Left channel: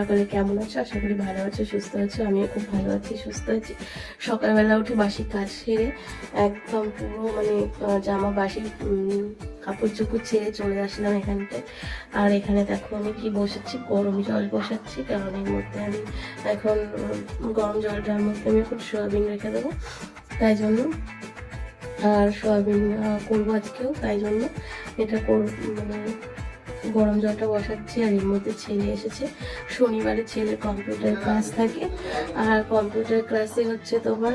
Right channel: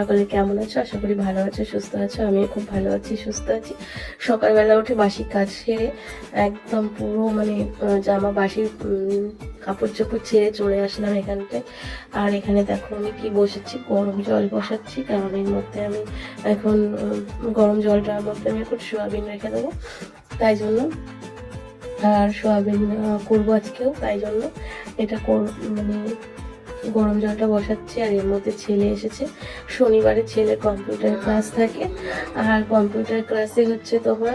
সকলে কেমন আছো? আশা করি ভালো আছো, সুস্থ আছো। আমি খুব ভালো আছি, সুস্থ আছি। সকালবেলা উঠে বাসি কাজ সেরে একদম পুরো মানে জামা বাসি কাপড় চোপড় ছেড়ে চলে আসলাম এখানটায়। আর এখানে দেখো আমি কি বসেছি, গরম জল বসাচ্ছি, কারণ এর মধ্যে আমি এখন গরম জলটার মধ্যে আমি এখন সোয়াবিন রেখে দেবো, তাই জন্য। আর সোয়াবিন করবো আজকেও, তাই জন্য এটা মানে গরম জলটা বসাচ্ছি। আর এর মধ্যে ছেলে এসেছে, শনিবারে ছেলের কম্পিউটার ক্লাস থাকে। আর কম্পিউটার ক্লাসে হচ্ছে তোমার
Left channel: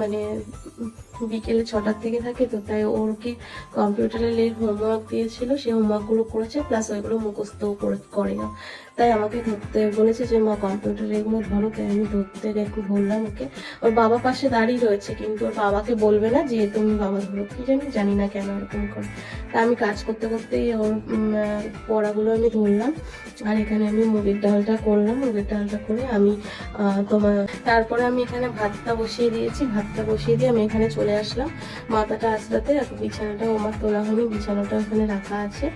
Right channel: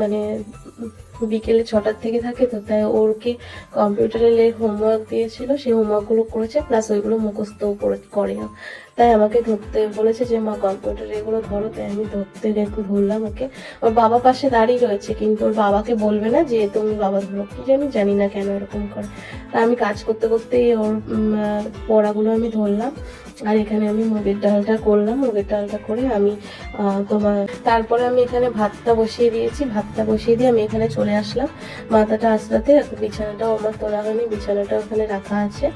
মানে বিকেলে 6টার থেকে থাকে, তো তাই ওরকে কম্পিউটারের হোমওয়ার্ক দিয়েছিল, সেই হোমওয়ার্কগুলো করেছে, প্লাস ওইগুলো মুখস্থ করে না। তাই আমাকে ধরতে বলেছে যে মা কম্পিউটার এগুলো ধরো, তাই আমি ধরতে ধরলাম ওকে। ওর বাবা পাশে দাঁড়িয়ে রয়েছে, কিন্তু ওর বাবাকে বলবে না যে তুমি বাবা ধরো, কি জানি না কেন এরকম করে। তা আমি কাজ করতে করতে ওর পড়াগুলো আমি ধরলাম। আর এখানে আমি মুগের ডালটা করলাম, মুগের ডালটা করে আমি তারপরে আমি এখানে ভাতটা বসিয়ে দিয়েছি। ভাতটা বসিয়ে দিয়ে আমি এখানে চলে আসলাম মাথাটা আঁচড়াতে। বিছানাটাও আমার তোলা হয়নি, বিছানাটা ওখানে রাখা আছে,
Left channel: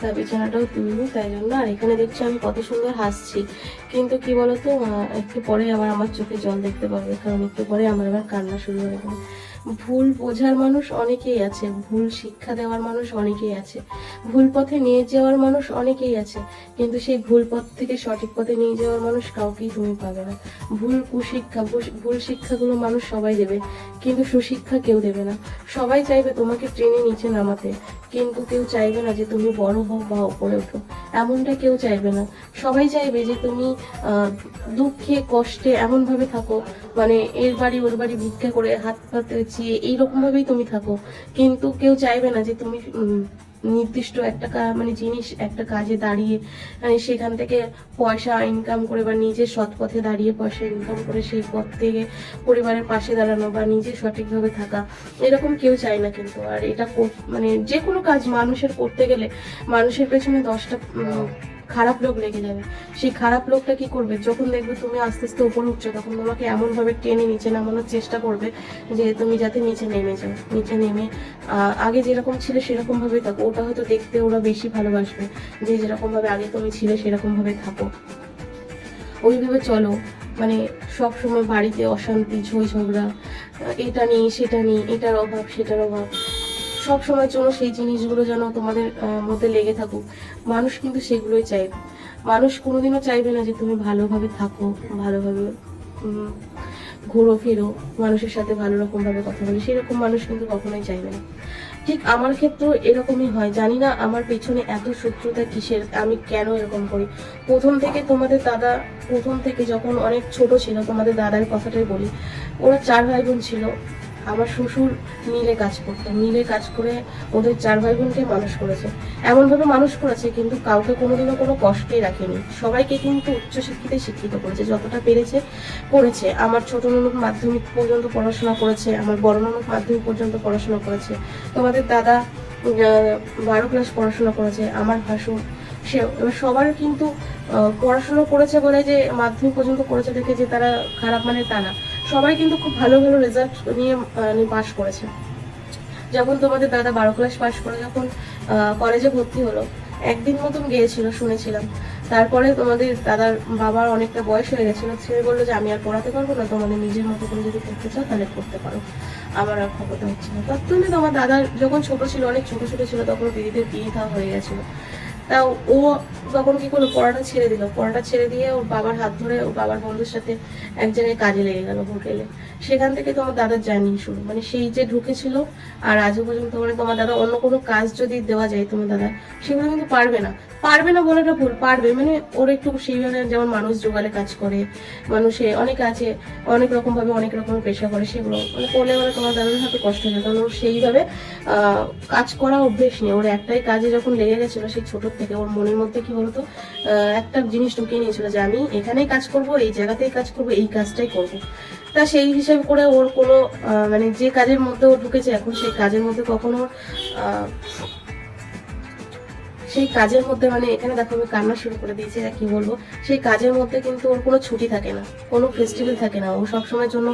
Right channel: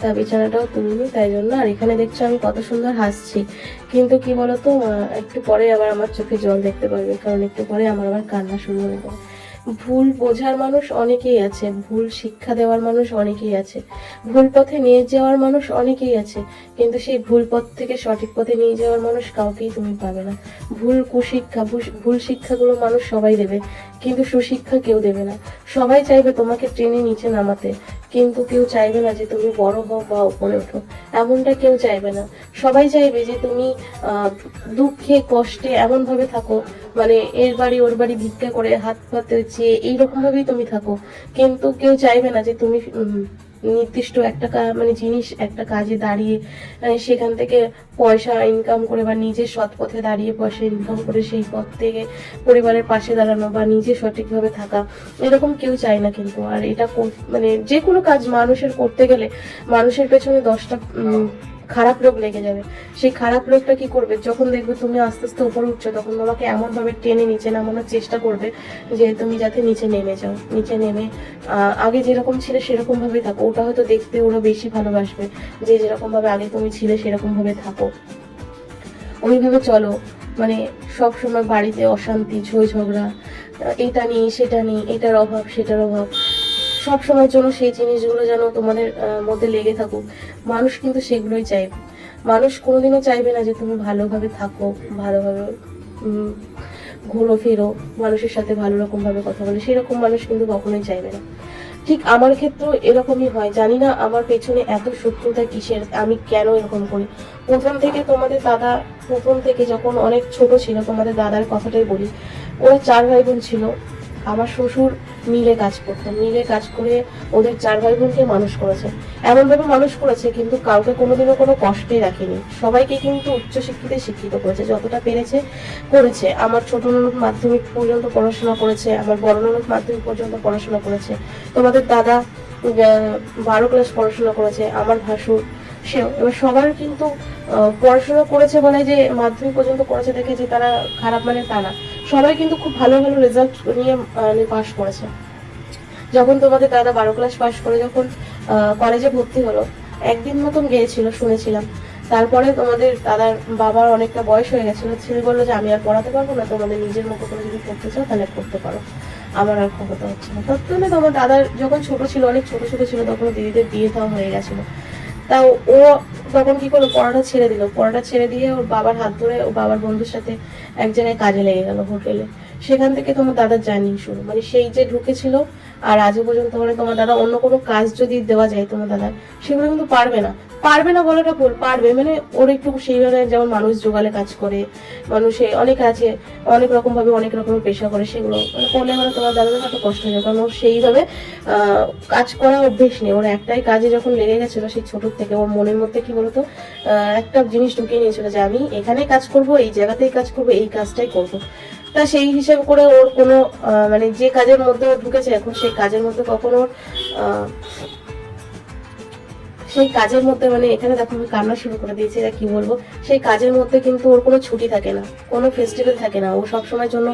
তা বিছানাটাও তুলিনি, তাই জন্য। আর এখানে দেখছো আমি কত সুন্দর হাসছি, কিন্তু কি বলতো একটু পরে আবার আমার চোখে জল দেখতে পারবে, কারণ একটু পরে আমার আবার কান্না শুরু হয়ে যাবে। ভুল বোঝার মানুষ অনেকেই আছে, ভুল শিক্ষা দেওয়ার মানুষ অনেকেই আছে, ভুল পথে নিয়ে যাওয়ার মানুষ অনেকেই আছে, কিন্তু সেই ভুল পথ থেকে সঠিক পথে নিয়ে যাওয়ার মানুষ কাউকেই তুমি পাবে না। ভুল শিক্ষাগুলো মানুষ সবাই দেবে, কিন্তু সুশিক্ষা কেউ দেবে না। সবাই চাইবে তোমাকে টেনে নিচে নামাতে, কিন্তু কেউ চাইবে না যে তুমি বড় হও বা উপরে ওঠো, এমনটা কেউ চাইবে না। সবাই চাইবে যে তুমি দুঃখে কষ্টে এমন ভাবে থাকো, মানে এর বাড়ি ওর বাড়ি ভিক্ষা করে হাত পাতে চেয়ে এইরকম ভাবেই তুমি থাকো, কিন্তু কেউ চাইবে না যে তুমি নির্দিষ্ট একটা মানে জিনিস একটা কাজে দাঁড়িয়ে সেখান থেকে পয়সা ইনকাম করে, বা নিজের সৎ পথে দাঁড়িয়ে পয়সা ইনকাম করে সেই পথ থেকে পরিবারের পাশে দাঁড়ানো বা নিজে সঠিকভাবে থাকা, এরকম কেউ চায় না। কিন্তু আর এটা মানে যে কোনো কাজ মানুষের করতে গেলে মানুষের পেছনে 10টা খারাপ লোক লেগে যাবে। সেই খারাপ লোকটা কি করবে, যখন দেখবে তুমি আস্তে আস্তে উপরে উঠছো, তখন তোমাকে এমন ভাবে টেনে নিচে নামানোর চেষ্টা করবে যে তুমি যাতে নিচে নেমে যাও। নিচে নেমে আগে যেরকম ছিলে সেরকম ভাবে থাকো, ওটা হয়তো দেখতে ওরা বেশি ভালোবাসবে, যে যেরকম ভাবে আগে তুমি ছিলে সেরকম ভাবে থাকো, ওইভাবে চলো। মানে সব সময় বাড়িতে অশান্তি, ঝই ঝগড়া, এটা নেই সেটা নেই, এটার অভাব সেটার অভাব, সব সময়ের জন্য সেই জিনিসগুলো যেন তোমাদের মধ্যে লেগে থাকুক। মানুষ কিন্তু সেগুলোই চাইবে। মানুষ কোনোদিনও চাইবে না যে তুমি ভালোভাবে থাকো, ভালোভাবে ঘুরো ফিরো, মানুষের সাথে ভালো রকম ভাবে কথা বলে, সেরকম মানুষ কিন্তু কখনোই চাইবে না। ঠিক আমার ক্ষেত্রেও এরকমই হয়। জানি না আমার পেছনে এত শত্রুতা কিসের, আমি কেন এরকম করি। প্রথম থেকে যখন অনেক ছোট ছিল, তোমাদের দাদার কথাটাই বলি, ওরা 4 ভাই বোন ছিল। আমার শ্বশুর মিলে কাজ করতেন, মিলে কাজ করে ওদের 4 ভাই বোনকে মানুষ করেছে, এমন ভাবে মানুষ করেছে, কিন্তু কাউকে কোনোদিনও কোনো কষ্টই রাখেনি। সবাইকে কিন্তু উচ্চশিক্ষিতে শিক্ষিত করেছে, যতটা পেরেছে করেছে। আমার ছোট ননদ মাধ্যমিক পর্যন্ত পড়াশোনা করেছে, আমার বড় ননদ মাধ্যমিক পর্যন্ত পড়াশোনা করেছে, তোমাদের দাদা 12 ক্লাস পড়াশোনা করেছে, আমার ভাসুর সেও। এবার সবার কিন্তু পড়াশোনা করেছে বলে যে মাধ্যমিক পর্যন্ত করেছে দেখে যে তারা খারাপ, মানে তা না। সবাই কিন্তু খুব ভালো ভালো রেজাল্ট নিয়ে পাশ করেছে। যখন তোমাদের দাদা 12 ক্লাস পাশ করে যখন কলেজে ভর্তি হলো, একদিন মতন গিয়েছিল শুনেছিলাম। তারপরে তোমাদের দাদার বাবার অনেকটা বয়স হয়ে গেছিল, ছেলে বললো যে আমি আর পড়াতে পারবো না, তোমাদের নিজের মতো করে যদি পড়তে চাও তাহলে পড়তে পারো, আমার আর খবরটা হচ্ছে না। ততক্ষণে তোমার দাদার যখন ছোট ছিল, অনেক ছোট ছোট ছিল, তখন দিদিদের বিয়ে দেওয়া হয়ে গেছিলো। তা ও তখন কি করলো, পড়াটা ছেড়ে দিল। পড়াটা ছেড়ে দিয়ে ওর বাবার হাত ধরে ওর বাবার বন্ধুর সাথে এক জায়গায় কাজে লেগে গেল, হোটেলে। সেখান থেকে তোমার দাদার জার্নি শুরু, মানে সেই যে ঢুকেছিল আর আজও পর্যন্ত, মানে তোমার দাদা অন্য কোনো কাজ যদি দেওয়া যায় তোমার দাদা, সেগুলো কিন্তু পারবে না বলাটা ভুল, পারবে। মানে ওর একটু সেইভাবে, যেমন মানুষ জোগালে কাজ করে, মানুষে অনেক আছে, অনেক রকম ভাবে অনেক রকমের পেশা করে, সেগুলো মানে করলে মানে তোমার দাদার হাতে কষ্ট হবে, কারণ ওর সেইভাবে কাজ করা অভ্যেস নেই। ওর একটাই কাজে যখন লেগে গেছিল সেই ছোট থেকে, ওর মনের মধ্যে কি বলতো একটা জিনিস ঢুকিয়ে নিয়েছিল যে আমি এখানেই কাজ করব, এই জায়গাতেই কাজ করব, এই কাজটাই করব। তা সেই হিসাবে করে ওর কোনো মানে যে কাজের মধ্যে ও ঢুকেছে এখন, সেই কাজের মধ্যে কখনো সেই কাজের মধ্যে, মানে এখানে দেখো আমি কান্না শুরু করে দিয়েছি, কি বলবো, সেই কাজের মধ্যে কিন্তু ওর কোনো ছুটি থাকে না, কোনো ফেস্টিভ্যাল থাকে না। ও সবসময়ের জন্য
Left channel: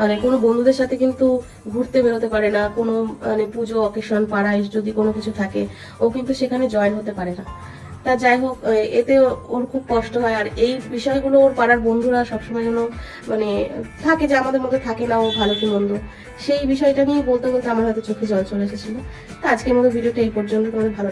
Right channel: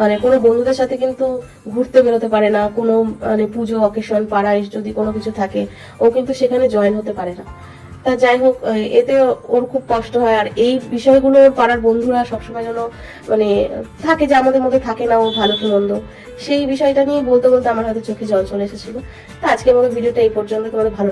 মানে কোনো বন্ধুদের সাথে কিন্তু ঘুরতে বেরোতে পারে না, কোনো মানে পুজো অকেশন পাড়ায় যদি কোনো কিছু থাকে ও কিন্তু সেখানে জয়েন হতে পারে না। তা যাই হোক, এতে ওর খুব কষ্ট হয়। আর এই বিষয়গুলো ওর পাড়ার বন্ধুরা সবসময় যেন মানে থাকে যে আমাদের মধ্যে থাকে না ও ভালো কি মন্দ, সেই বিষয়টা নিয়ে বলতে বলতে আমার হাতে চোখে জল চলে এসেছিল। তা আজকের মতো ভিডিওটা এই পর্যন্ত। তোমাদের ভালো